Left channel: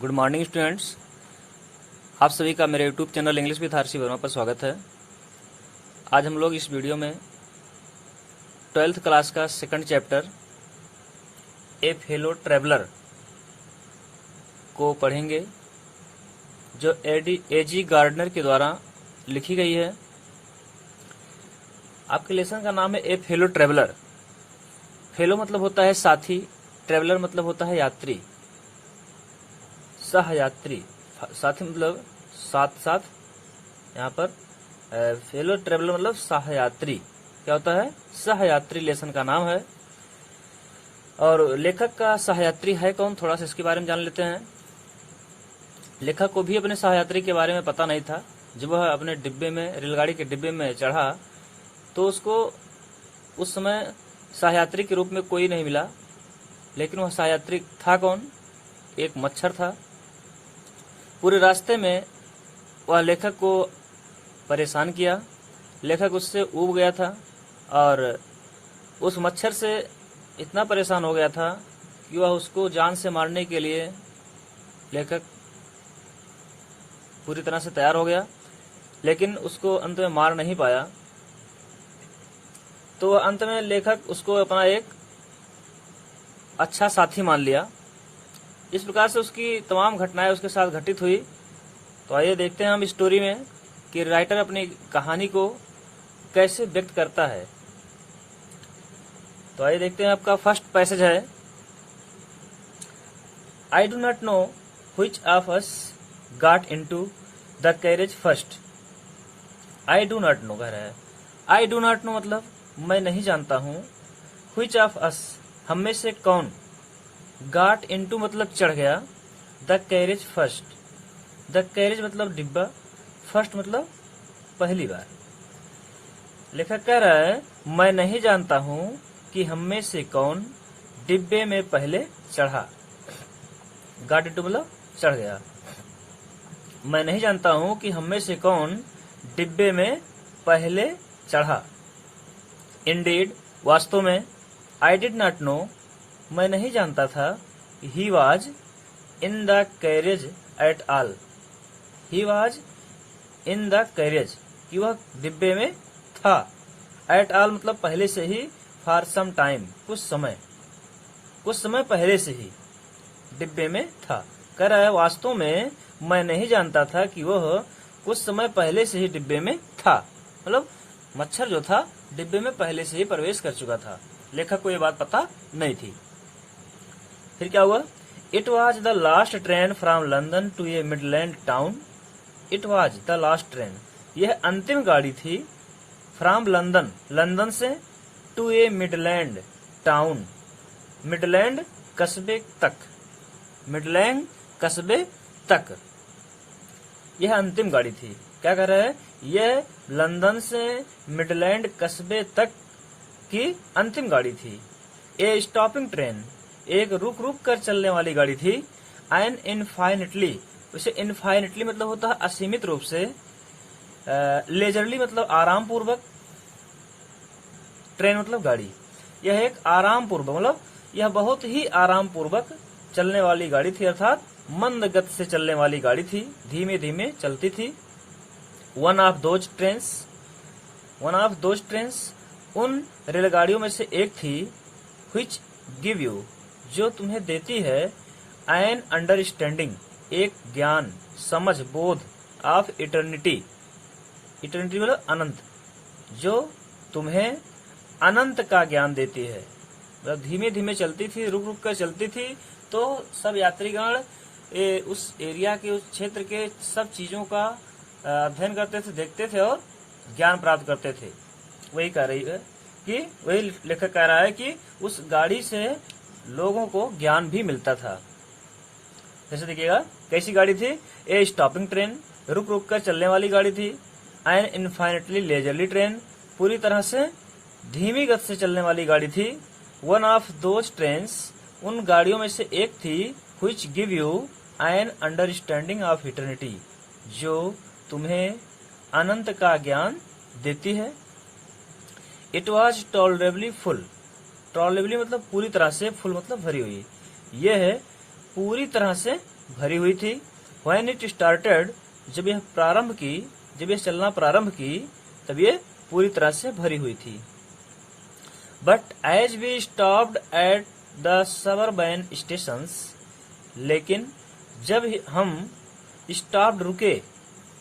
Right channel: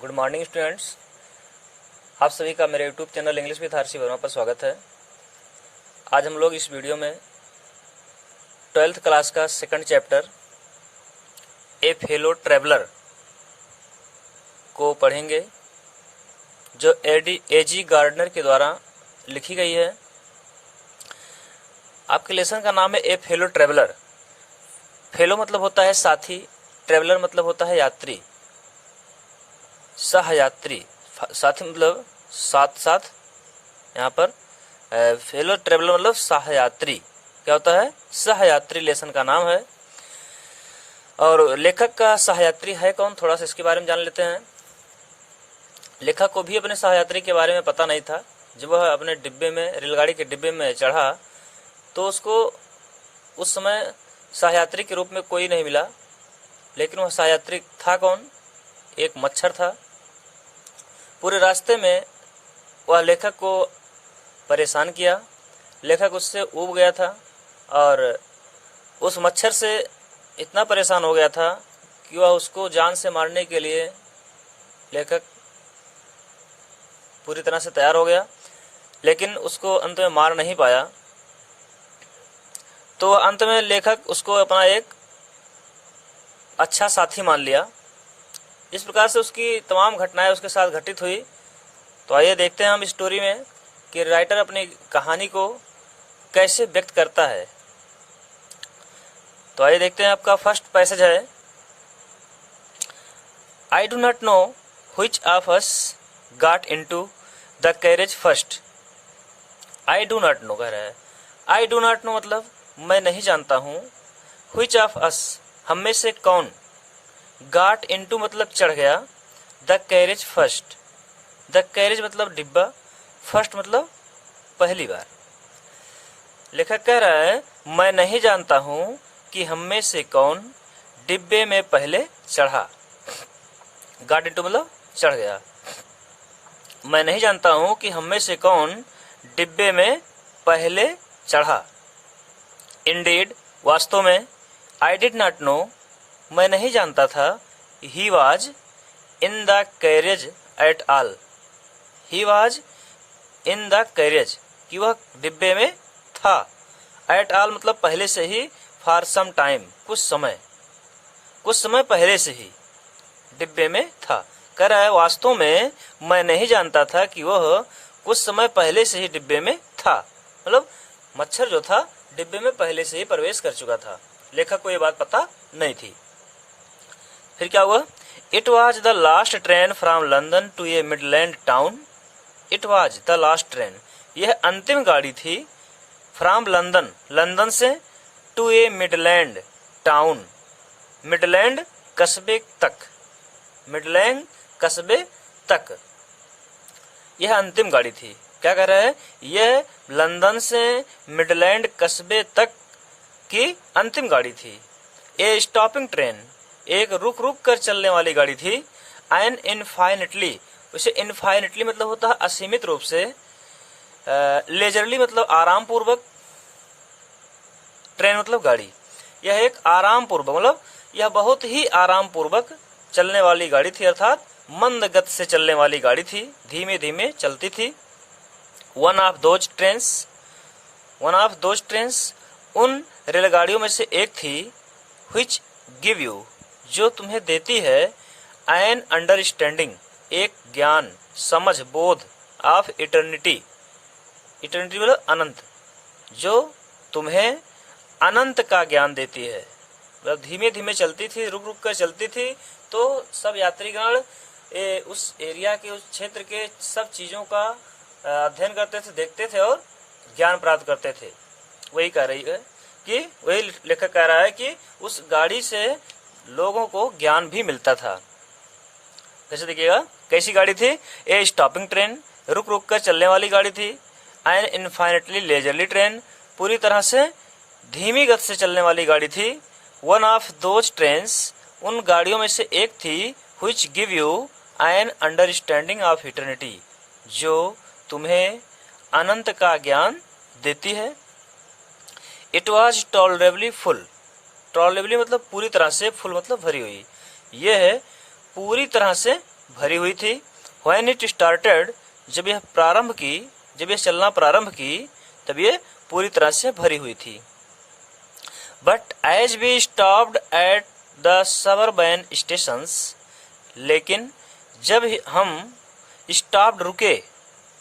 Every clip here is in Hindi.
Good morning students. आप सभी का मेरे YouTube channel English with Harshi Verma पर स्वागत है। आज हम लोग इस वीडियो में 12th क्लास का सेकंड चैप्टर ए फेलो ट्रैवलर को पढ़ेंगे, जो ए.जी. गार्डनर के द्वारा लिखी गई है। आपके लेसन का नाम है ए फेलो ट्रैवलर। फेलो मतलब होता है साथी, ट्रैवलर मतलब होता है यात्री, सहयात्री। साथी मतलब साथ साथ, यहाँ पर फेलो ट्रेवलर मतलब सहयात्री। क्या होता है? सहयात्री लेसन का नाम है। और लेखक का सहयात्री है कौन, थोड़ा सा इसके बारे में जान लेते हैं। लेखक को भी अपने सहयात्री के बारे में पता नहीं था। जब वह अपने डिब्बे में, रेलगाड़ी के डिब्बे में चढ़ा तो उसको उस समय सहयात्री के रूप में कोई नहीं मिला, लेकिन वह सहयात्री था कौन? एक मच्छर था। पूरे रास्ते में वह लेखक को परेशान किया। लेखक उससे ऊब गया था और उस मच्छर से इतना परेशान हो गया था कि वह उसको जान से मारने के लिए लेखक पूरी तरह से तैयार हो गया, लेकिन उसको अंत में मार नहीं पाया। तो अंत में लेखक उसको अपना एक अच्छा साथी मान लिया। इस प्रकार से उसकी तमाम घटनाएं उसके साथ घटित हुई। तो आइए देखते हैं हम स्टोरी में कि राइटर अपनी कहानी को कैसे व्यक्त करता है। तो आइए देखते हैं। आपका फर्स्ट पैसेज है, I do not know which of us got into the carriage first. I do not know कह रहा है। आई डू नॉट नो मतलब मैं नहीं जानता हूँ। व्हिच ऑफ अस हम में से कौन, गॉट इनटू मतलब चढ़ गया, the carriage first. The carriage मतलब डिब्बा, फर्स्ट मतलब पहली बार। लेखक कह रहा है मैं नहीं जानता हूं कि हम में से कौन डिब्बे में पहले चढ़ा। गॉट इनटू मतलब चढ़ गया। मैं नहीं जानता हूं कि हम में से कौन डिब्बे में पहले चढ़ा। इंडीड वास्तव में, आई डिड नॉट नो मैं नहीं जानता था, he was in the carriage at all. He was in the carriage कि वह डिब्बे में था। एट ऑल मतलब पहले से ही, फॉर सम टाइम कुछ समय पहले से ही डिब्बे में था। कह रहा है वास्तव में मैं नहीं जानता था कि वह कुछ समय पहले से ही डिब्बे में था। मतलब मच्छर जो था डिब्बे में पहले से ही प्रवेश कर चुका था। लेखक को यह बात पता नहीं थी। फिर क्या हुआ? It was the last train from London to a midland town. It was the last train, यह अंतिम गाड़ी थी। फ्रॉम लंदन, लंदन से, to a midland town, midland कस्बे तक, मिडलैंड कस्बे तक यह अंतिम गाड़ी थी। क्या कह रहा है? यह लंदन से मिडलैंड कस्बे तक की अंतिम गाड़ी थी। ए स्टॉपिंग ट्रेन, एक रुक रुक कर चलने वाली गाड़ी थी। एन इनफाइनेटली, उसे इनफाइनेटली मतलब होता है असीमित रूप से। लेजरली मतलब आराम पूर्वक। ट्रेन मतलब गाड़ी। यह एक आराम पूर्वक मतलब यह बहुत ही आराम पूर्वक चलने वाली गाड़ी थी, अर्थात मंद गति से चलने वाली गाड़ी थी, धीमे धीमे चलती थी। One of those trains, one of those trains उन रेलगाड़ियों में से एक थी। व्हिच गिव यू, जो तुम्हें देती है, एन अंडरस्टैंडिंग एक ज्ञान, समझ, बोध, ऑफ इटर्निटी, इटर्निटी मतलब अनंत, जो तुम्हें अनंत का ज्ञान देती है। मतलब धीमे धीमे चलती थी, रुक रुक कर चलती थी, तो सब यात्रीगण उस एरिया के, उस क्षेत्र के सब चीजों का अध्ययन करते थे, देखते थे और ज्ञान प्राप्त करते थे। वही कह रही है कि, वही लेखक कह रहा है कि उस गाड़ी से लोगों को ज्ञान भी मिलता था। जैसे देखिएगा कैसी गाड़ी थी? ए स्टॉपिंग ट्रेन, रुक रुक कर चलने वाली गाड़ी थी। एन इनफाइनेटली लेजरली ट्रेन, पूरी तरह से धीमी गति से चलने वाली गाड़ी थी। वन ऑफ दोज ट्रेन्स, उन गाड़ियों में से एक थी। Which give you an understanding of eternity, जो तुम्हें अनंत का ज्ञान देती है। इट वॉज टॉलरेबली फुल, टॉलरेबली मतलब पूरी तरह से, फुल मतलब भरी हुई। यह पूरी तरह से भरी हुई थी। व्हेन इट स्टार्टेड, जब यह चलना प्रारंभ की तब ये पूरी तरह से भरी हुई थी। But as we stopped at the suburban stations, लेकिन जब हम स्टॉप्ड रुके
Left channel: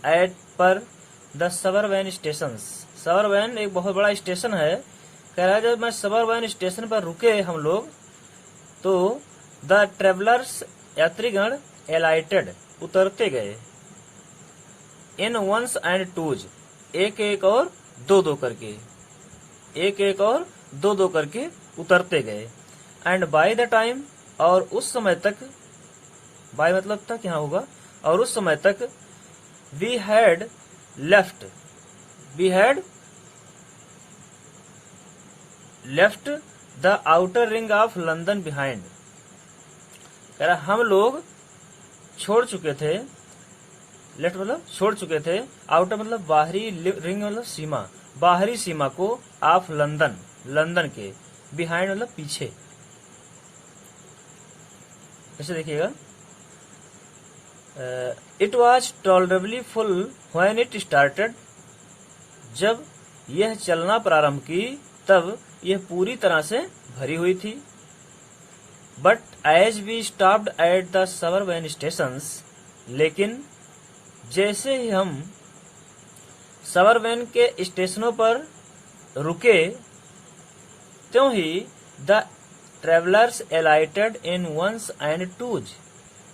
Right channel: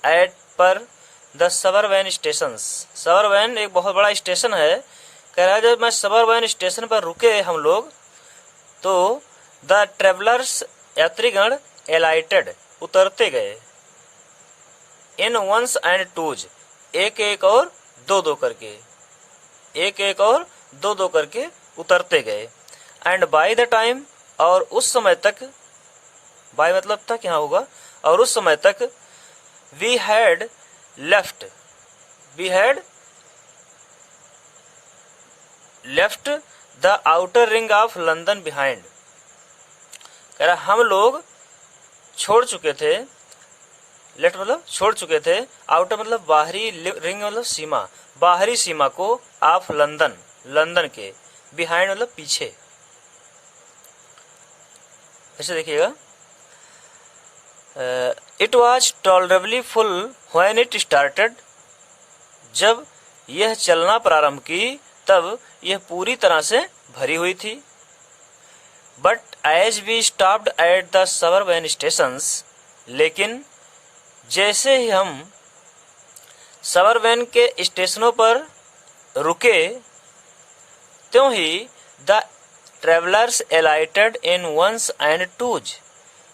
एट पर द सबअर्बन स्टेशंस, सबअर्बन एक बहुत बड़ा स्टेशन है, कह रहा है जब मैं सबअर्बन स्टेशन पर रुके हम लोग तो द ट्रेवलर्स यात्रीगण एलाइटेड उतरते गए, इन वंस एंड टूज एक एक और दो दो करके, एक एक और दो दो करके उतरते गए। एंड बाय द टाइम, और उस समय तक, बाय मतलब तक यहाँ होगा, और उस समय तक we had left the outer ring of London behind, कह रहा हम लोग छोड़ चुके थे, लेफ्ट मतलब छोड़ चुके थे, आउटर मतलब बाहरी, रिंग मतलब सीमा, बाहरी सीमा को, ऑफ लंदन लंदन के, बिहाइंड मतलब पीछे। ऐसे देखिएगा, it was tolerably full when it started, जब यह चलना प्रारंभ की तब यह पूरी तरह से भरी हुई थी। But as we stopped at the suburban stations, लेकिन जैसे ही हम सबअर्बन के स्टेशनों पर रुके त्यों ही the travellers alighted in ones and twos,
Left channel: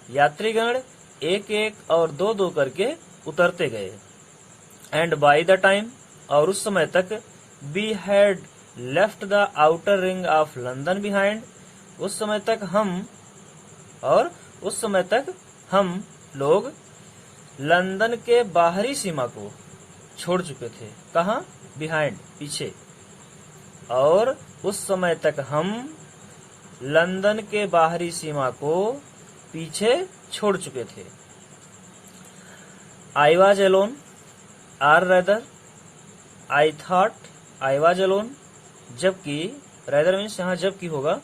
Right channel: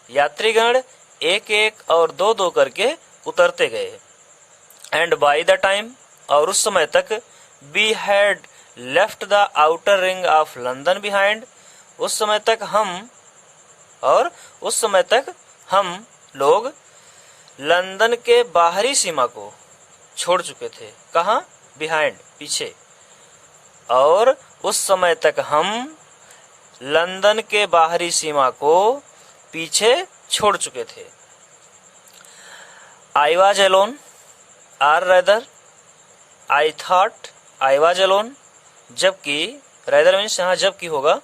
यात्रीगण एक एक और दो दो करके उतरते गए। एंड बाय द टाइम, और उस समय तक, we had left the outer ring of London behind, उस समय तक हम लोग लंदन के बाहरी सीमा को छोड़ चुके थे। कहाँ? बिहाइंड, पीछे। और उस समय तक हम लंदन के बाहरी सीमा को पीछे छोड़ चुके थे। I was alone, or rather I thought I was alone, जबकि रेदर मीन्स यहाँ जबकि होगा,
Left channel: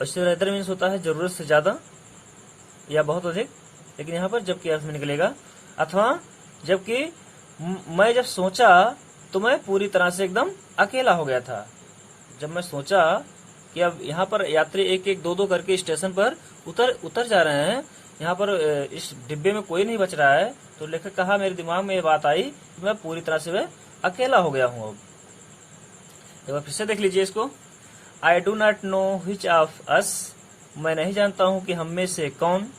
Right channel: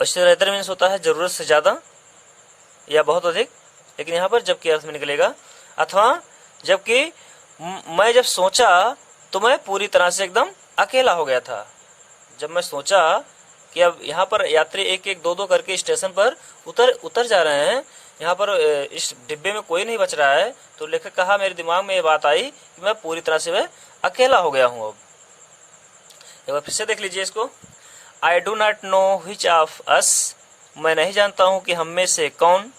वैसे रेदर मीन्स होता है जरूरत से ज्यादा या बहुत अधिक, लेकिन यहाँ पर जबकि अर्थ में निकलेगा। अथवा जबकि मैं जब सोचा तो मैं पूरी तरह से एकदम अकेला हो गया था। जब मैं सोचा कि अब यहाँ पर यात्री एक एक दो दो करके स्टेशन पर उतर जा रहे हैं, यहाँ पर इस डिब्बे में कोई नहीं बच रहा है, तो लेखक कहा मेरे दिमाग में ये बात आई कि मैं पूरी तरह से अकेला हो गया हूँ। अब एक बार फिर से देख लीजिए इसको। I do not know which of us, मैं नहीं जानता हूँ कि हम में से कौन,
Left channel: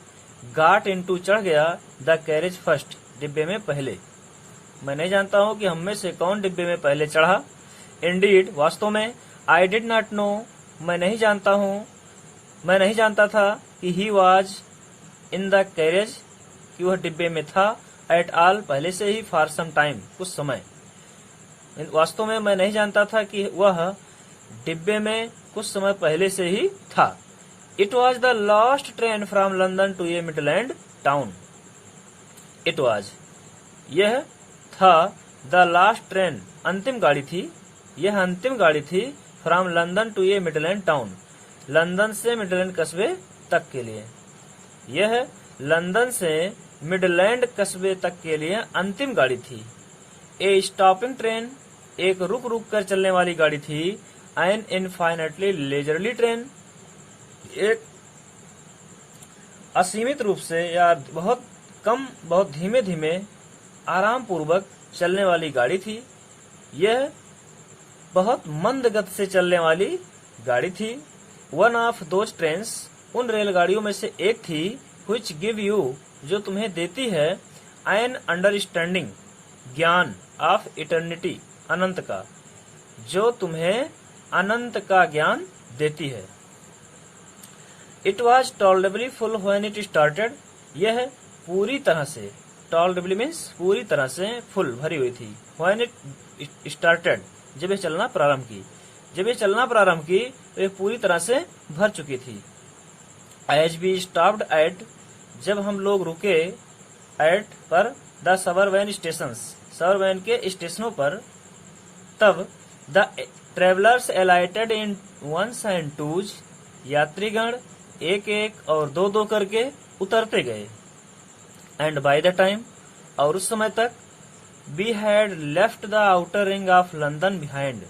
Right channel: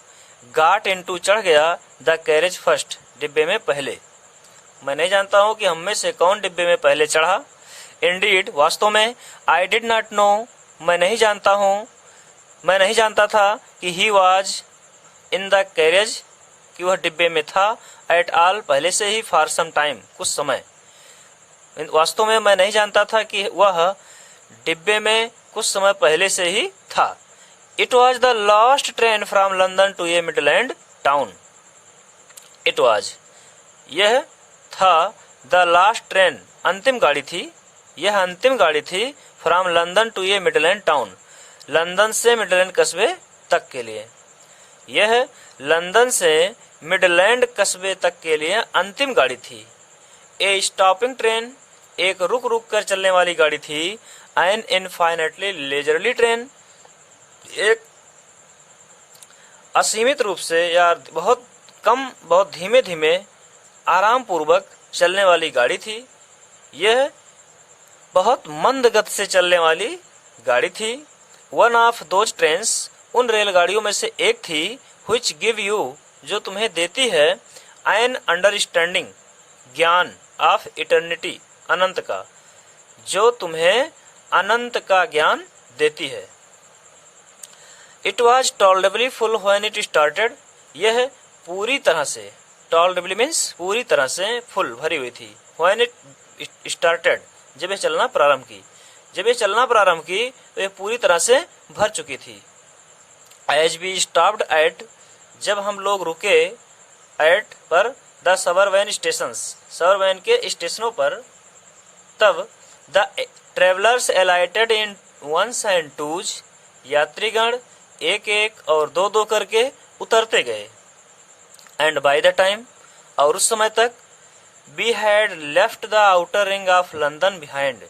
गाट इनटू चढ़ गया द कैरेज फर्स्ट, डिब्बे में पहले, मैं नहीं जानता हूँ कि हम में से कौन डिब्बे में पहले चढ़ा। इंडीड, वास्तव में, आई डिड नॉट नो, मैं नहीं जानता था कि he was in the carriage, कि वह डिब्बे में था, एट ऑल, पहले से ही, फॉर सम टाइम, कुछ समय। वास्तव में मैं नहीं जानता था कि वह डिब्बे में कुछ समय पहले से ही था। It was the last train from London to a midland town, it was, यह था, द लास्ट ट्रेन, अंतिम गाड़ी थी, यह अंतिम गाड़ी थी, from London to a midland town, London से मिडलैंड कस्बे तक के लिए, यह लंदन से मिडलैंड कस्बे तक के लिए अंतिम गाड़ी थी। ए स्टॉपिंग ट्रेन, एक रुक रुक कर चलने वाली गाड़ी थी। एन इनफाइनेटली लेजरली ट्रेन, एक असीमित रूप से या बहुत कम, बहुत धीमे धीमे आराम पूर्वक चलने वाली गाड़ी थी। यह बहुत मंद गति से चलने वाली गाड़ी थी। वन ऑफ दोज ट्रेन्स, उन रेलगाड़ियों में से एक थी, which give you, जो तुम्हें देती है, an understanding, ज्ञान, of eternity, अनंत का, जो तुम्हें अनंत का ज्ञान देती है। It was tolerably full when it started, यह पूरी तरह से, tolerably means पूरी तरह से, full भरी हुई थी। When it started, जब यह चलना प्रारंभ की, तो यह पूरी तरह से भर चुकी थी। As we stopped at, जब हम लोग रुके, at पर, द सबअर्बन स्टेशंस, सबअर्बन के स्टेशनों पर, तब the travellers alighted in ones and twos, यात्रीगण एक एक और दो दो करके उतरते गए। एंड बाय द टाइम, और उस समय तक, we had left the outer ring of London behind,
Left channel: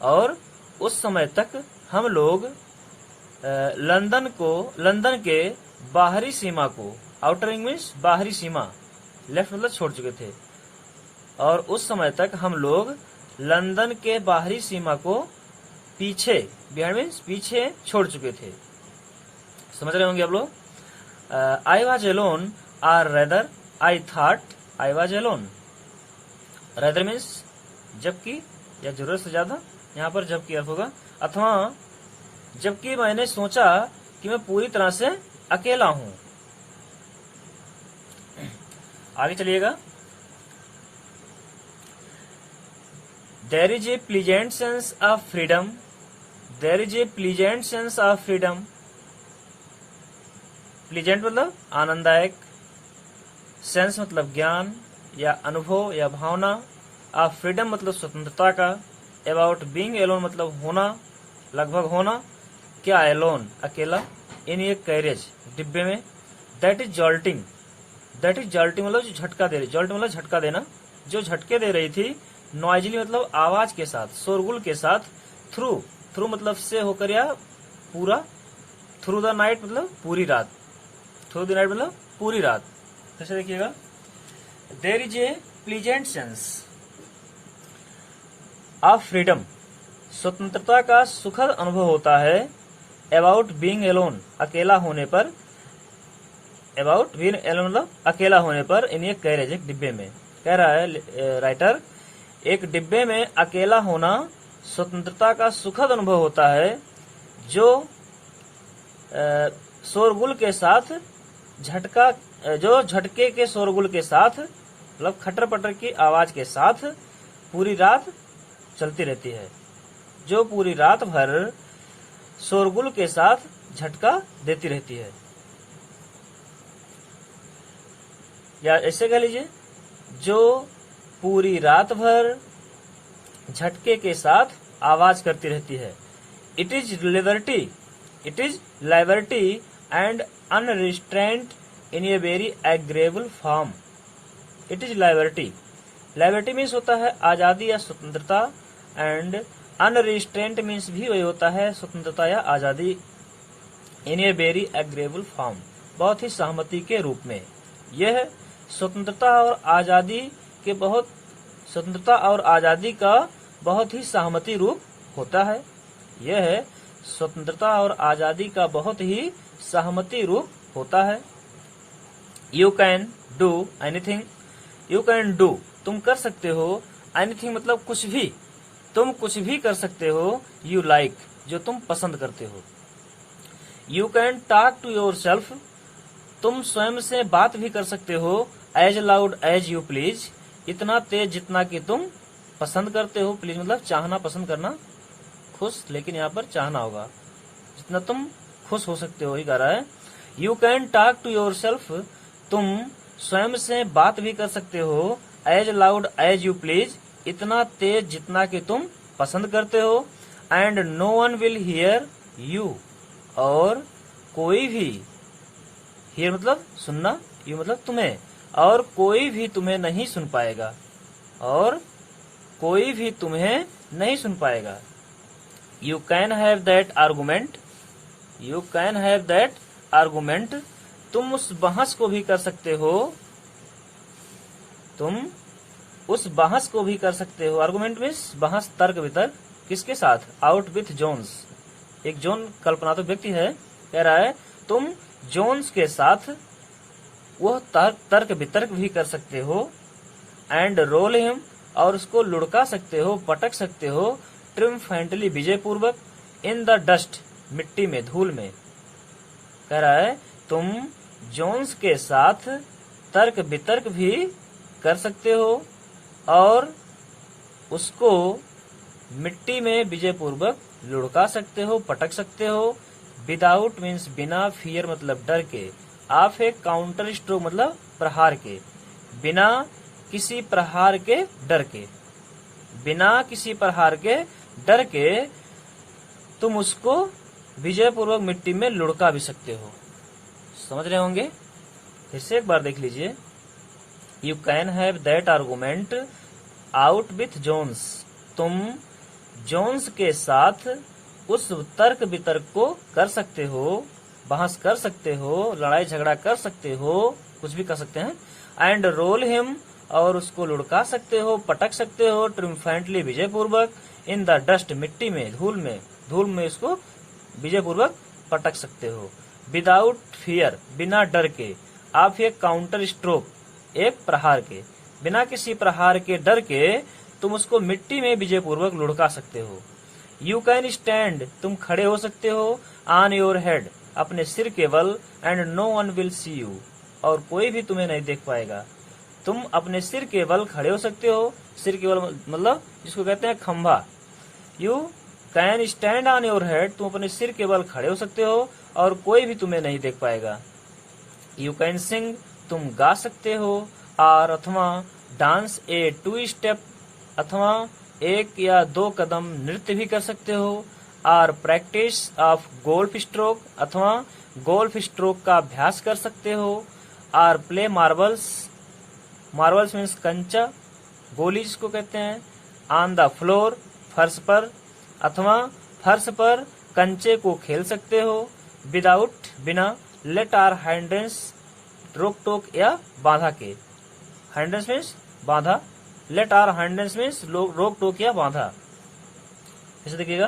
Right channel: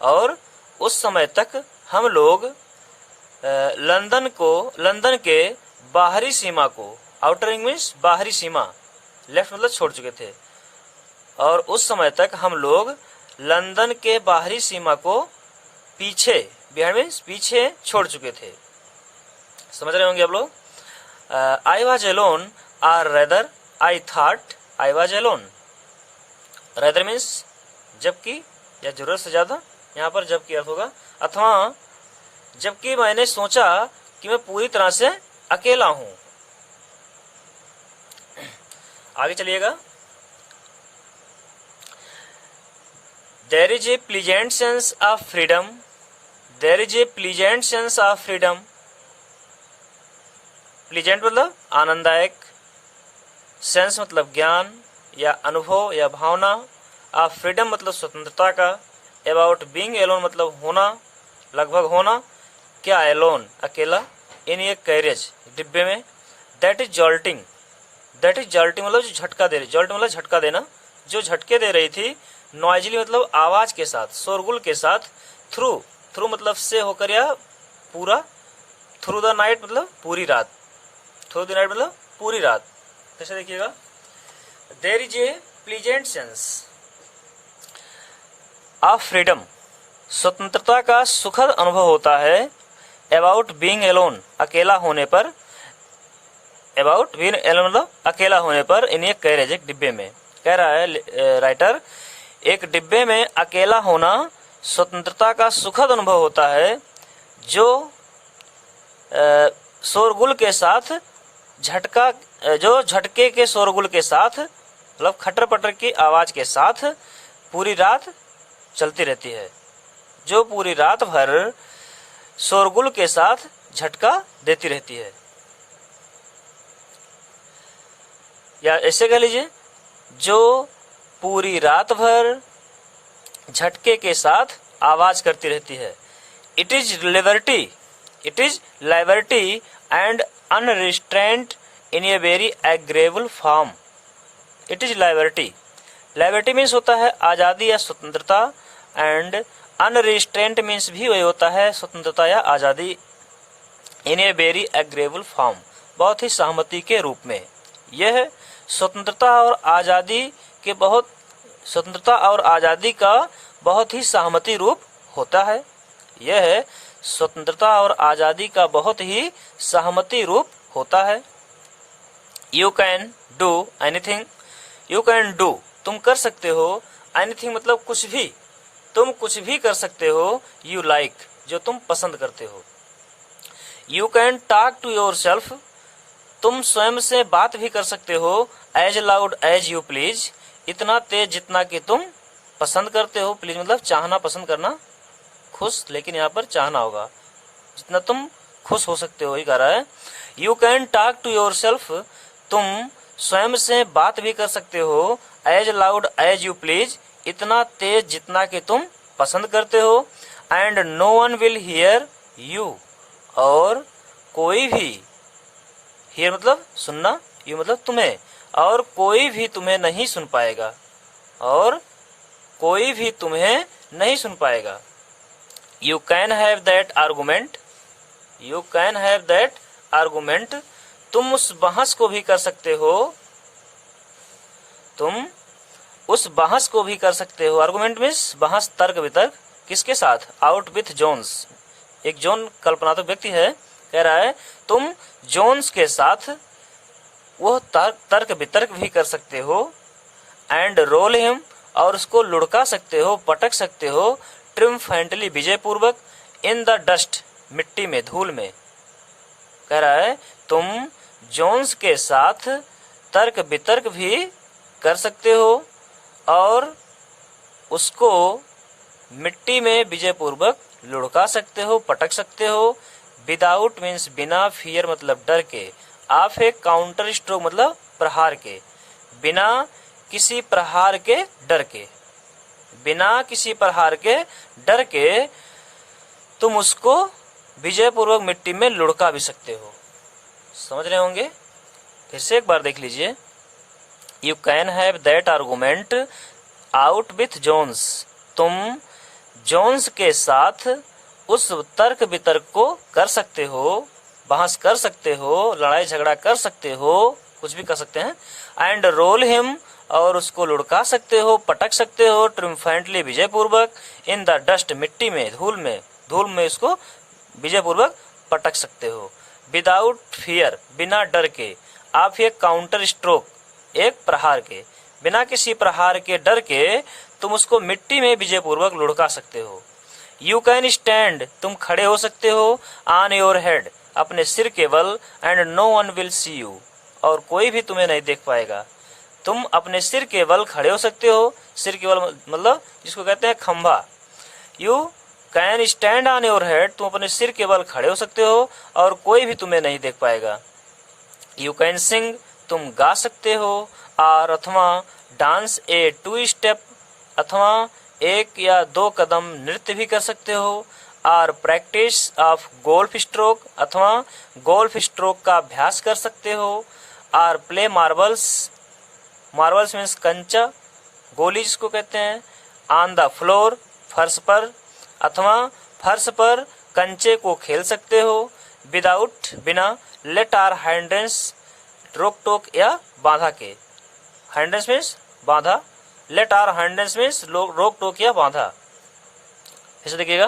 और उस समय तक हम लोग लंदन के बाहरी सीमा को, आउटर रिंग मीन्स बाहरी सीमा, लेफ्ट मतलब छोड़ चुके थे, और उस समय तक हम लोग लंदन के बाहरी सीमा को पीछे, बिहाइंड मीन्स पीछे छोड़ चुके थे। समझ रहे होंगे आप लोग। I was alone or rather I thought I was alone. Rather means जबकि या जरूरत से ज्यादा, यहाँ पर जबकि अर्थ होगा, अथवा जबकि मैंने सोचा कि मैं पूरी तरह से अकेला हूं। आगे चलिएगा। There is a pleasant sense of freedom, there is a pleasant sense of freedom. Pleasant मतलब आनंददायक, सेंस मतलब ज्ञान या अनुभव या भावना, ऑफ फ्रीडम मतलब स्वतंत्रता का, अबाउट बीइंग एलोन मतलब होना, लगभग होना, क्या एलोन अकेला, इन ए कैरेज डिब्बे में, दैट इज जॉल्टिंग, दैट इज जॉल्टिंग मतलब जो झटका दे रही, जॉल्ट मतलब झटका देना, जो झटके दे रही थी, नॉइजली मतलब आवाज के साथ, शोरगुल के साथ, थ्रू, थ्रू मतलब से होकर या पूरा, थ्रू द नाइट मतलब पूरी रात, थ्रू द नाइट मतलब पूरी रात। जैसे देखिएगा, there is a pleasant sense of freedom, स्वतंत्रता का सुखद अनुभव होता है, अबाउट बीइंग एलोन अकेला होने पर, अबाउट बीइंग एलोन मतलब अकेला होने पर, इन ए कैरेज एक डिब्बे में। कह रहा है राइटर, एक डिब्बे में अकेला होना स्वतंत्रता का सुखद अनुभव होता है, जो शोरगुल के साथ झटका, जो झटके के शोरगुल के साथ मतलब खटर पटर की आवाज के साथ पूरी रात चलती रहती है, जो पूरी रात भर शोरगुल के साथ झटका देती रहती है। या ऐसे कह लीजिए, जो पूरी रात भर झटके के साथ आवाज करती रहती है। It is liberty, it is liberty and unrestraint in a very agreeable form. It is liberty, liberty means होता है आजादी या स्वतंत्रता, एंड अनरिस्ट्रेंट मीन्स भी वही होता है स्वतंत्रता या आजादी, इन ए वेरी एग्रेबल फॉर्म बहुत ही सहमति के रूप में। यह स्वतंत्रता और आजादी के बहुत, स्वतंत्रता और आजादी का बहुत ही सहमति रूप होता है। यह स्वतंत्रता और आजादी का बहुत ही सहमति रूप होता है। You can do anything, you can do तुम कर सकते हो, एनीथिंग मतलब कुछ भी, तुम कुछ भी कर सकते हो, यू लाइक जो तुम पसंद करते हो। You can talk to yourself, तुम स्वयं से बात भी कर सकते हो, as loud as you please इतना तेज जितना कि तुम पसंद करते हो। प्लीज मतलब चाहना, पसंद करना, खुश, लेकिन यहाँ पर चाहना होगा, जितना तुम खुश हो सकते हो ही कह रहा है। You can talk to yourself, तुम स्वयं से बात भी कर सकते हो, as loud as you please इतना तेज जितना कि तुम पसंद करते हो। And no one will hear you, और कोई भी, हियर मतलब सुनना, यू मतलब तुम्हें, और कोई भी तुम्हें नहीं सुन पाएगा, और कोई भी तुम्हें नहीं सुन पाएगा। You can have that argument, you can have that argument तुम उस बहस को भी कर सकते हो, तुम उस बहस को भी कर सकते हो। आर्गूमेंट मीन्स बहस, तर्क वितर्क, किसके साथ? आउट विथ जोन्स, एक जोन कल्पनात्मक व्यक्ति है, कह रहा है तुम जोन्स के साथ वह तर्क वितर्क भी कर सकते हो। एंड रोल हिम, और उसको लुढ़का सकते हो, पटक सकते हो, ट्रिम्फेंटली विजय पूर्वक, इन द डस्ट मिट्टी में, धूल में। कह रहा है तुम जोन्स के साथ तर्क वितर्क भी कर सकते हो और उसको मिट्टी में विजय पूर्वक लुढ़का सकते हो, पटक सकते हो। विदाउट मीन्स बिना, फियर मतलब डर के, ऑफ ए काउंटर स्ट्रोक मतलब प्रहार के, बिना किसी प्रहार के डर के, बिना किसी प्रहार के डर के तुम उसको विजयपूर्वक मिट्टी में लुढ़का भी सकते हो। समझ रहे होंगे, फिर से एक बार देख लीजिए। You can have that argument out with Jones, तुम जोन्स के साथ उस तर्क वितर्क को कर सकते हो, बहस कर सकते हो, लड़ाई झगड़ा कर सकते हो, कुछ भी कर सकते हैं। एंड रोल हिम, और उसको लुढ़का सकते हो, पटक सकते हो, ट्रिम्फेंटली विजयपूर्वक, इन द डस्ट, मिट्टी में, धूल में इसको विजयपूर्वक पटक सकते हो। विदाउट फियर, बिना डर के, आप एक काउंटर स्ट्रोक, एक प्रहार के, बिना किसी प्रहार के, डर के तुम उसको मिट्टी में विजयपूर्वक लुढ़का सकते हो। यू कैन स्टैंड, तुम खड़े हो सकते हो, ऑन योर हेड, अपने सिर के बल, and no one will see you, और कोई भी तुम्हें नहीं देख पाएगा। तुम अपने सिर के बल खड़े हो सकते हो, सिर के बल मतलब जिसको कहते हैं खंभा। You can stand on your head, तुम अपने सिर के बल खड़े हो सकते हो और कोई भी तुम्हें नहीं देख पाएगा। यू कैन सिंग, तुम गा सकते हो, और अथवा डांस ए 2 स्टेप, अथवा 1 या 2 कदम नृत्य भी कर सकते हो। और प्रैक्टिस ऑफ गोल्फ स्ट्रोक, अथवा गोल्फ स्ट्रोक का अभ्यास कर सकते हो। और प्ले मार्बल्स, मार्बल्स मीन्स कंचा, गोली जिसको कहते हैं, ऑन द फ्लोर, फर्श पर, अथवा फर्श पर कंचे को खेल सकते हो। विदाउट, बिना, लेट आर हाइंड्रेंस, रोक टोक या बाधा के, हाइंड्रेंस मीन्स बाधा, लेट आर हाइंड्रेंस मीन्स रोक टोक या बाधा। ऐसे देखिएगा,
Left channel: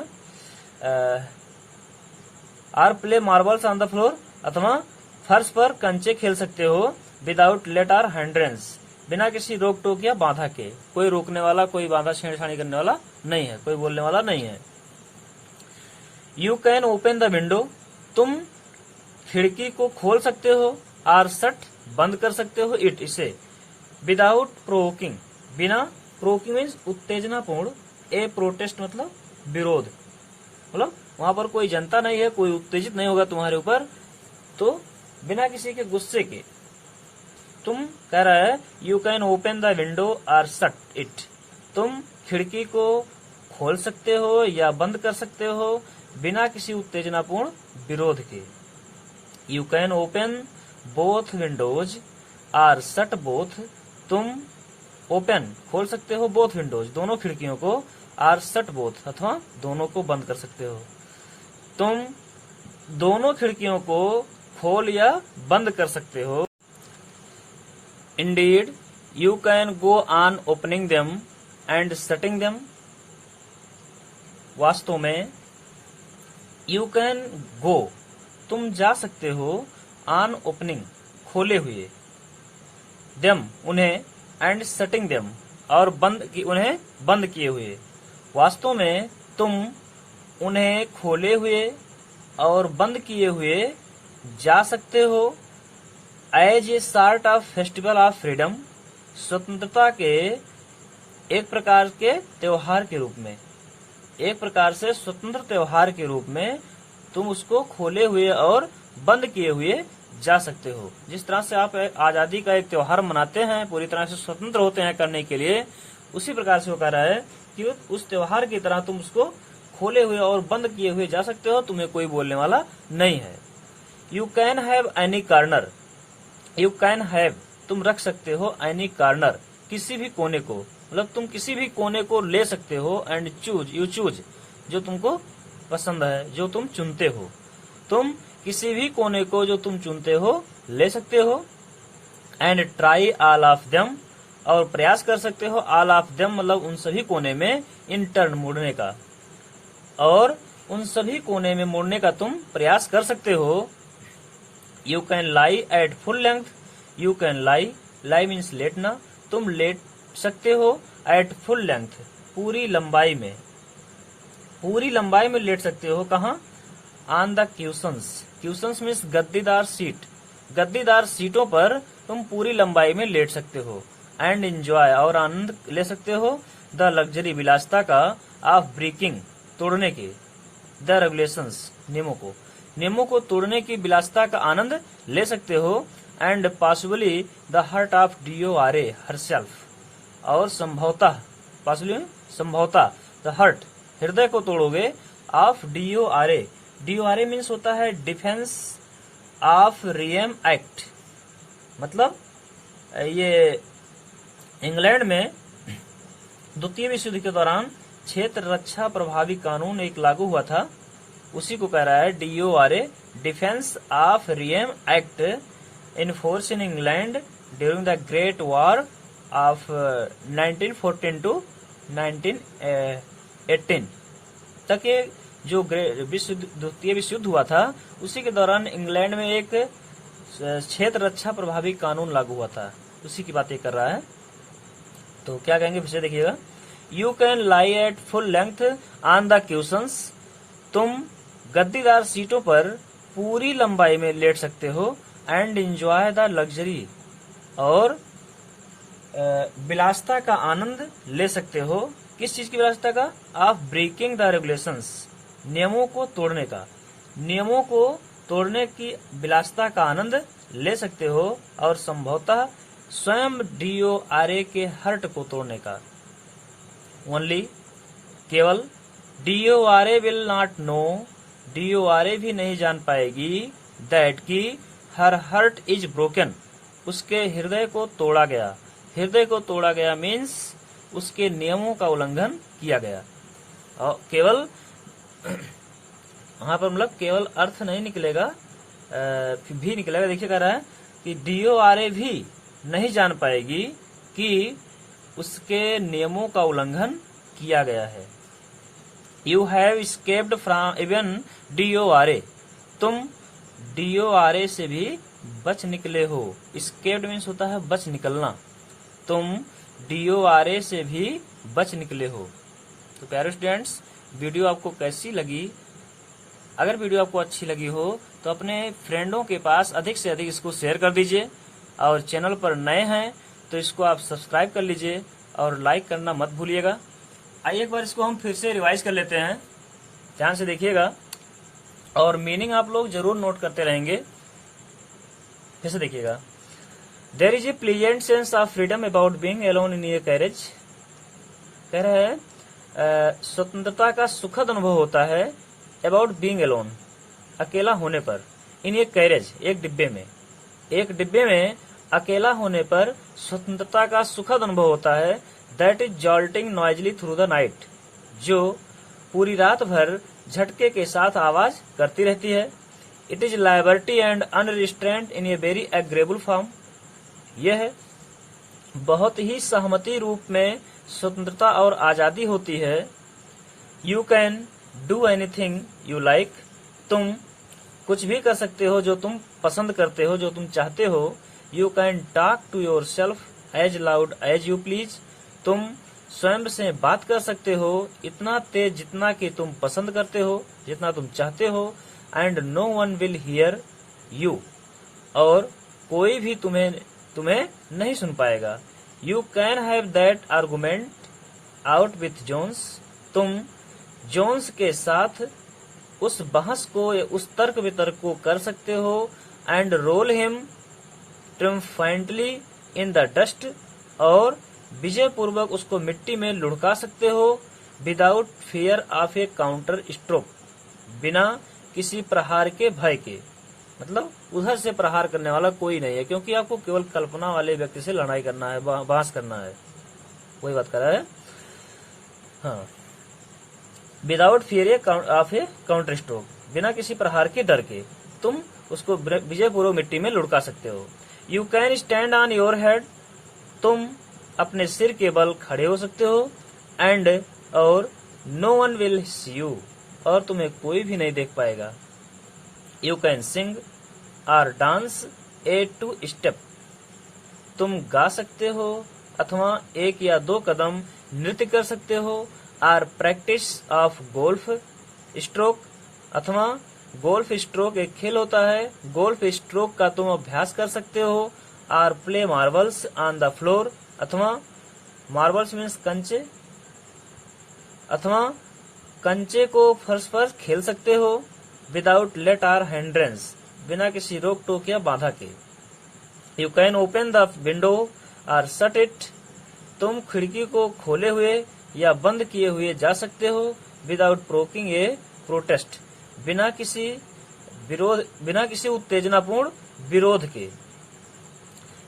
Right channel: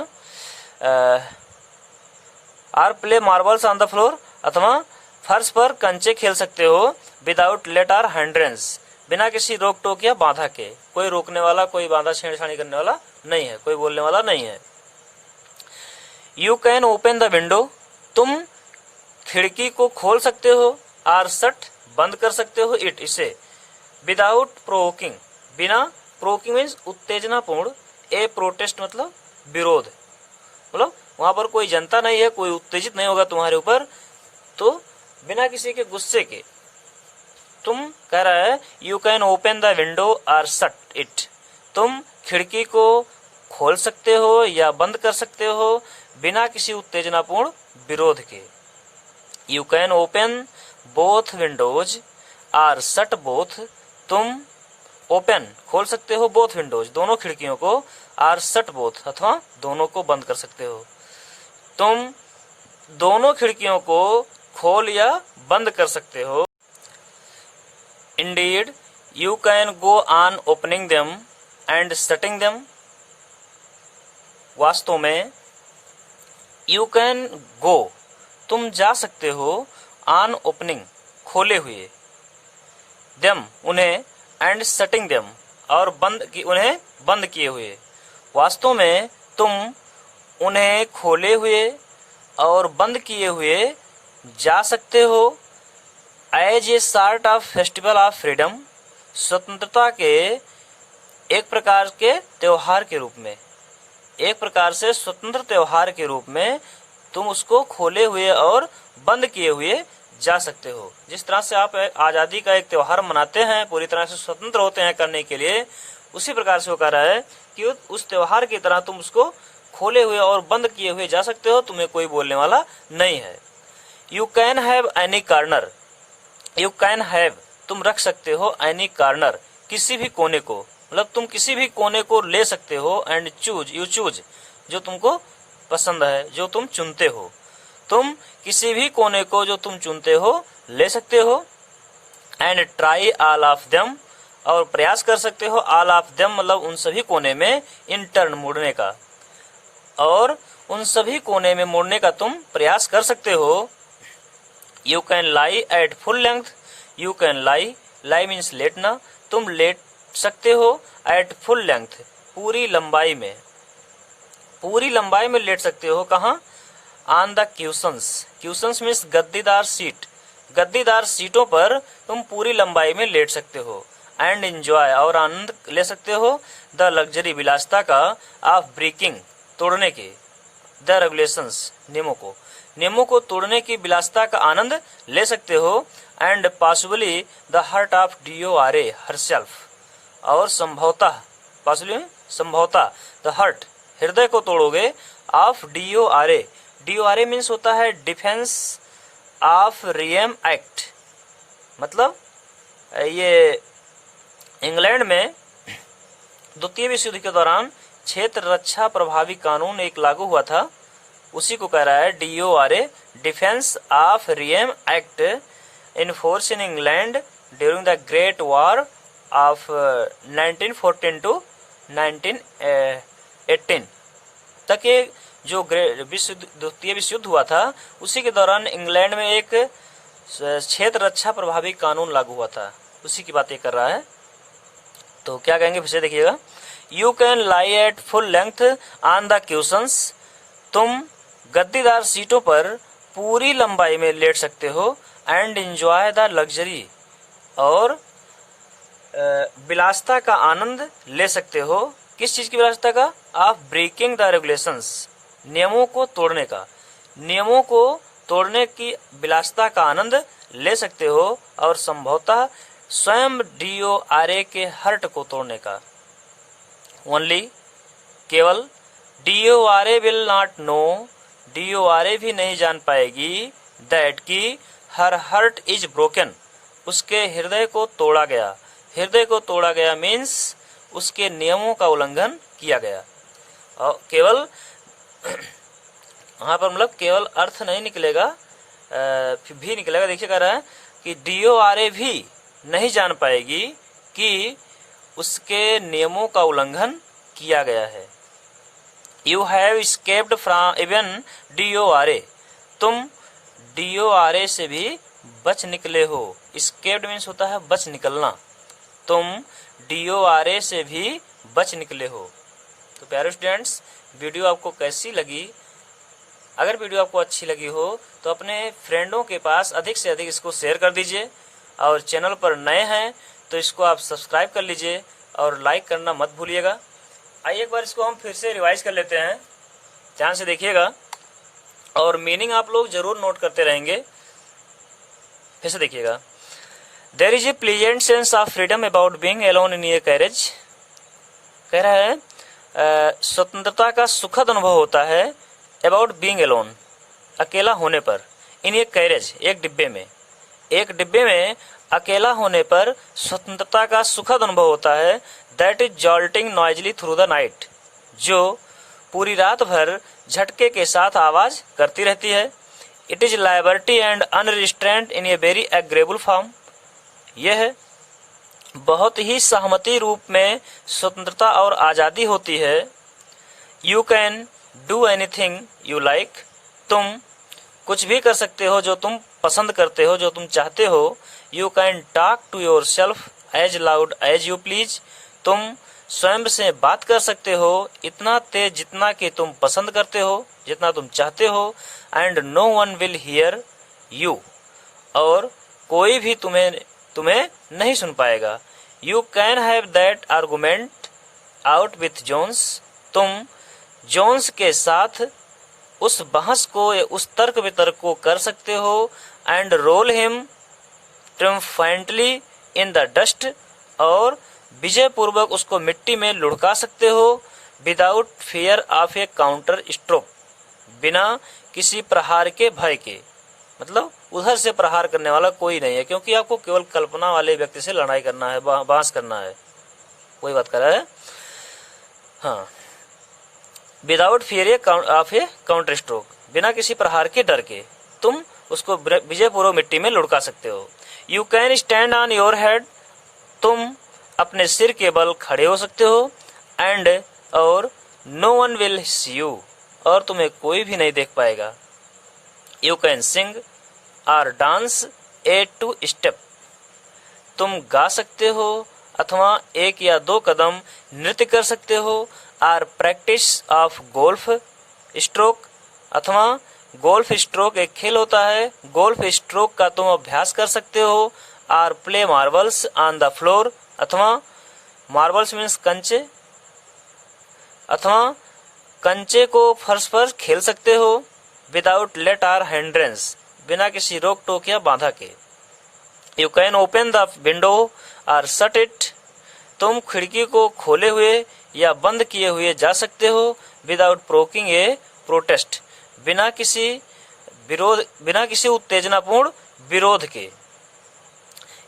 or play marbles on the floor, अथवा फर्श पर कंचे खेल सकते हो। विदाउट लेट आर हाइंड्रेंस, बिना किसी रोक टोक या बाधा के, कोई रोकने वाला, कोई बाधा छेड़छाड़ी करने वाला नहीं है, कोई बोलने वाला नहीं है। You can open the window, तुम खिड़की को खोल सकते हो, आर शट, बंद कर सकते हो, इट, इसे। विदाउट प्रोवोकिंग, बिना, प्रोवोकिंग मीन्स उत्तेजनापूर्ण, ए प्रोटेस्ट मतलब विरोध, मतलब वहां पर कोई जनता नहीं है, कोई उत्तेजित नहीं होगा तुम्हारे ऊपर, तो बिना किसी के गुस्से के तुम, कह रहा है you can open the window और शट इट, तुम खिड़की को खोल सकते हो या बंद कर सकते हो बिना किसी उत्तेजनापूर्ण विरोध के। You can open both windows or shut both, तुम ओपन खोल सकते हो बोथ विंडोज दोनों खिड़कियों को, आर शट बोथ अथवा दोनों को बंद कर सकते हो। तुम दोनों खिड़कियों को खोल या बंद कर सकते हो। Indeed, you can go on opening them and shutting them. वास्तव में you can go, तुम जा सकते हो, on opening, खोले हुए, them, उन्हें, and shutting them, और उन्हें बंद किए हुए। वास्तव में तुम उन्हें खोले हुए और बंद किए हुए जा सकते हो। As a sort of festival of freedom, स्वतंत्रता के एक प्रकार के त्योहार के रूप में, एक प्रकार से स्वतंत्र त्योहार के रूप में तुम उसको खोले हुए और बंद किए हुए जा सकते हो। जिस तरह से आप आज़ादी का एक त्योहार मनाते हैं, पूरी तरह से स्वतंत्र होते हैं करने के लिए, उसी प्रकार से वो कह रहा है कि उस त्योहार की तरह तुम उसको खोले हुए और बंद किए हुए जा सकते हो, तुम्हें कोई बोलने वाला नहीं है। You can have any corner, you can have, तुम रख सकते हो, एनी कार्नर, किसी भी कोने को, मतलब तुम किसी भी कोने को ले सकते हो। एंड चूज, यू चूज, जो तुमको पसंद है, जो तुम चुनते हो, तुम किसी भी कोने को जो तुम चुनते हो ले सकते हो। And try all of them, और प्रयास कर सकते हो, ऑल ऑफ देम मतलब उन सभी कोने में, इन टर्न, मुड़ने का, और उन सभी कोने में मुड़ने का तुम प्रयास कर सकते हो। You can lie at full length, you can lie, lie means लेटना, तुम लेट सकते हो, एट फुल लेंथ, पूरी लंबाई में, पूरी लंबाई में लेट सकते हो। कहाँ? ऑन द क्यूशंस, क्यूशंस मीन्स गद्दीदार सीट, गद्दीदार सीटों पर तुम पूरी लंबाई में लेट सकते हो। एंड एंजॉय, और आनंद ले सकते हो, द लग्जरी, विलासिता का, ऑफ ब्रेकिंग, तोड़ने के, द रेगुलेशंस, नियमों को तोड़ने की विलासिता का आनंद ले सकते हो। And possibly the hurt of DORA, herself, और संभवतः, पॉसिबली संभवतः, द हर्ट, हृदय को तोड़ोगे, ऑफ DORA, DORA मीन्स होता है डिफेंस ऑफ रियम एक्ट, मतलब ये इंग्लैंड में द्वितीय विश्व युद्ध के दौरान क्षेत्र रक्षा प्रभावी कानून एक लागू हुआ था, उसी को कह रहा है DORA, defence of realm act, in force in England during the great war of 1914 to 1918 तक। ये जो द्वितीय विश्व युद्ध हुआ था उसी के दौरान इंग्लैंड में एक क्षेत्र रक्षा प्रभावी कानून लागू हुआ था, उसी की बात ये कर रहा है। तो क्या कहेंगे फिर से देखिएगा, you can lie at full length on the cushions, तुम गद्दीदार सीटों पर पूरी लंबाई में लेट सकते हो, एंड एंजॉय द लग्जरी, और विलासता का आनंद ले सकते हो। किस चीज की विलासता का? ऑफ ब्रेकिंग द रेगुलेशंस, नियमों को तोड़ने का, नियमों को तोड़ने की विलासता का आनंद ले सकते हो, और संभवतः स्वयं DORA के हर्ट को तोड़ने का। ओनली, केवल, DORA will not know, DORA भी नहीं जान पाएगी, दैट की हर हर्ट इज ब्रोकन, उसके हृदय को तोड़ा गया। हृदय को तोड़ा गया मीन्स उसके नियमों का उल्लंघन किया गया। और केवल वहां पर मतलब केवल अर्थ नहीं निकलेगा, भी निकलेगा। देखिए कह रहा है कि DORA भी नहीं जान पाएगी कि उसके नियमों का उल्लंघन किया गया है। You have escaped from even DORA, तुम DORA से भी बच निकले हो। स्केप्ड मीन्स होता है बच निकलना, तुम DORA से भी बच निकले हो। तो प्यारे स्टूडेंट्स, वीडियो आपको कैसी लगी? अगर वीडियो आपको अच्छी लगी हो तो अपने फ्रेंडों के पास अधिक से अधिक इसको शेयर कर दीजिए, और चैनल पर नए हैं तो इसको आप सब्सक्राइब कर लीजिए और लाइक करना मत भूलिएगा। आइए एक बार इसको हम फिर से रिवाइज कर लेते हैं, ध्यान से देखिएगा और मीनिंग आप लोग जरूर नोट करते रहेंगे। फिर से देखिएगा, there is a pleasant sense of freedom about being alone in a carriage, कह रहा है स्वतंत्रता का सुखद अनुभव होता है, अबाउट बीइंग अलोन, अकेला होने पर, इन ए कैरेज, एक डिब्बे में अकेला होने पर स्वतंत्रता का सुखद अनुभव होता है। That is jolting noisily through the night, जो पूरी रात भर झटके के साथ आवाज करती रहती है। It is liberty and unrestraint in a very agreeable form, यह बहुत ही सहमति रूप में स्वतंत्रता और आज़ादी होती है। You can do anything you like, तुम कुछ भी कर सकते हो जो तुम पसंद करते हो, जो तुम चाहते हो। You can talk to yourself as loud as you please, तुम स्वयं से बात कर सकते हो इतना तेज जितना कि तुम पसंद करते हो, जितना तुम चाहते हो। And no one will hear you, और कोई भी तुम्हें नहीं सुन पाएगा। You can have that argument out with Jones, तुम जोन्स के साथ उस बहस को या उस तर्क वितर्क को कर सकते हो। And roll him triumphantly in the dust, और विजय पूर्वक उसको मिट्टी में लुढ़का सकते हो। Without fear of a counter stroke, बिना किसी प्रहार के भय के, मतलब उधर से प्रहार करने वाला कोई नहीं है, क्योंकि आपको केवल कल्पना वाले व्यक्ति से लड़ाई करना है, बहस करना है, वही बात कर रहा है। हाँ, without fear of a counter stroke, बिना किसी प्रहार के डर के तुम उसको विजय पूर्वक मिट्टी में लुढ़का सकते हो। You can stand on your head, तुम अपने सिर के बल खड़े हो सकते हो। एंड, और no one will see you, और तुम्हें कोई भी नहीं देख पाएगा। यू कैन सिंग और डांस ए टू स्टेप, तुम गा सकते हो अथवा एक या दो कदम नृत्य कर सकते हो। Or practice of golf stroke, अथवा गोल्फ स्ट्रोक एक खेल होता है, गोल्फ स्ट्रोक का तुम अभ्यास कर सकते हो। Or play marbles on the floor, अथवा मार्बल्स मीन्स कंचे, अथवा कंचे को फर्श पर खेल सकते हो। विदाउट लेट आर हैंड्रेंस, बिना किसी रोक टोक या बाधा के। You can open the window और शट इट, तुम खिड़की को खोले हुए या बंद किए हुए जा सकते हो। विदाउट प्रोकिंग ए प्रोटेस्ट, बिना किसी उत्तेजनापूर्ण विरोध के।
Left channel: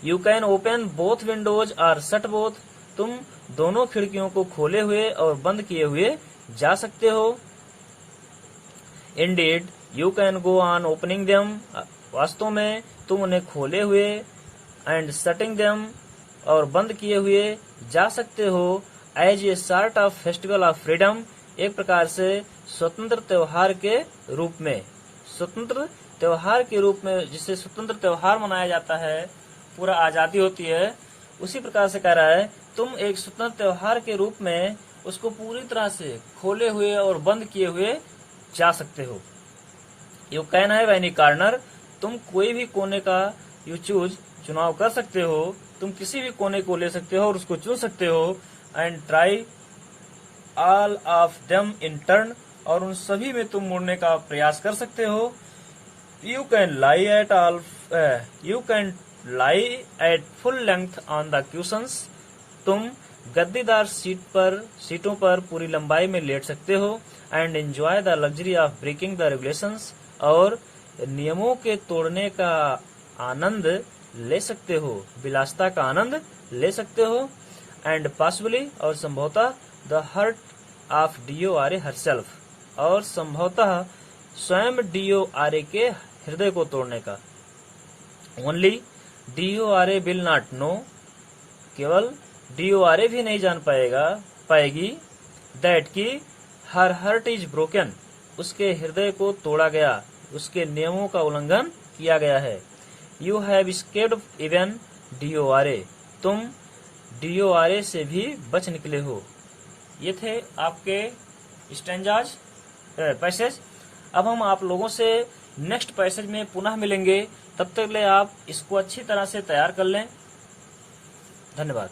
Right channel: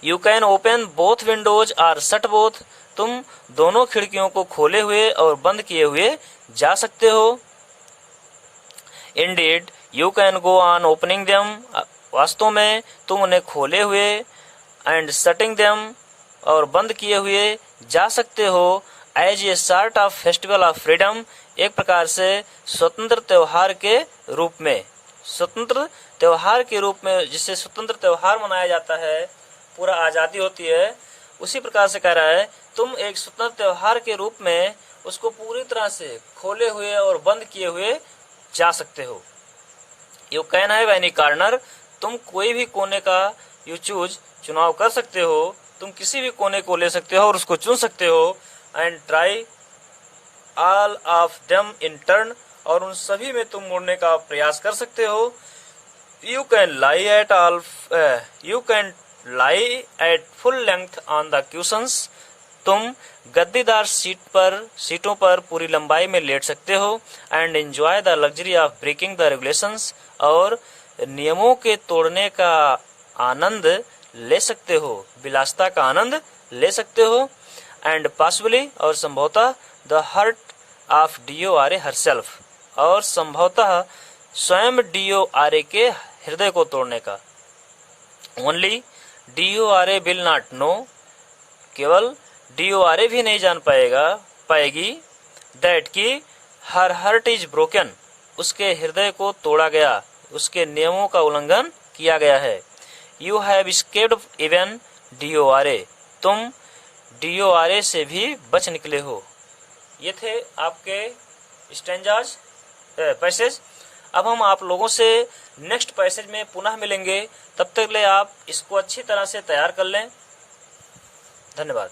You can open both windows or shut both, तुम दोनों खिड़कियों को खोले हुए और बंद किए हुए जा सकते हो। Indeed you can go on opening them, वास्तव में तुम उन्हें खोले हुए, एंड शटिंग देम और बंद किए हुए जा सकते हो। As a sort of festival of freedom, एक प्रकार से स्वतंत्र त्योहार के रूप में, स्वतंत्र त्योहार के रूप में, जिससे स्वतंत्र त्योहार मनाया जाता है, पूरा आज़ादी होती है, उसी प्रकार से कह रहा है तुम एक स्वतंत्र त्योहार के रूप में उसको पूरी तरह से खोले हुए और बंद किए हुए जा सकते हो। You can have any corner, तुम कोई भी कोने का यू चूज चुनाव कर सकते हो, तुम किसी भी कोने को ले सकते हो और उसको चुन सकते हो। And try all of them in turn, और उन सभी में तुम मुड़ने का प्रयास कर सकते हो। You can lie at full length on the cushions, तुम गद्दीदार सीटों पर पूरी लंबाई में लेट सकते हो। And enjoy the luxury of breaking the regulations, और नियमों के तोड़ने का आनंद ले सकते हो, विलासिता का आनंद ले सकते हो। एंड पॉसिबली, और संभवतः the hurt of DORA herself, और संभवतः स्वयं DORA के हृदय को तोड़ने का। Only DORA will not know, केवल DORA भी नहीं जान पाएगी दैट की हर हर्ट इज ब्रोकन, उसके हृदय को तोड़ा गया, उसके नियमों का उल्लंघन किया गया है। You have escaped even DORA, तुम DORA से भी बच निकले हो। ये थे आपके स्टैंजाज पैसेज। अब हम आप लोगों से नेक्स्ट पैसेज में पुनः मिलेंगे, तब तक ले आप इसको अच्छी तरह से तैयार कर लें। धन्यवाद।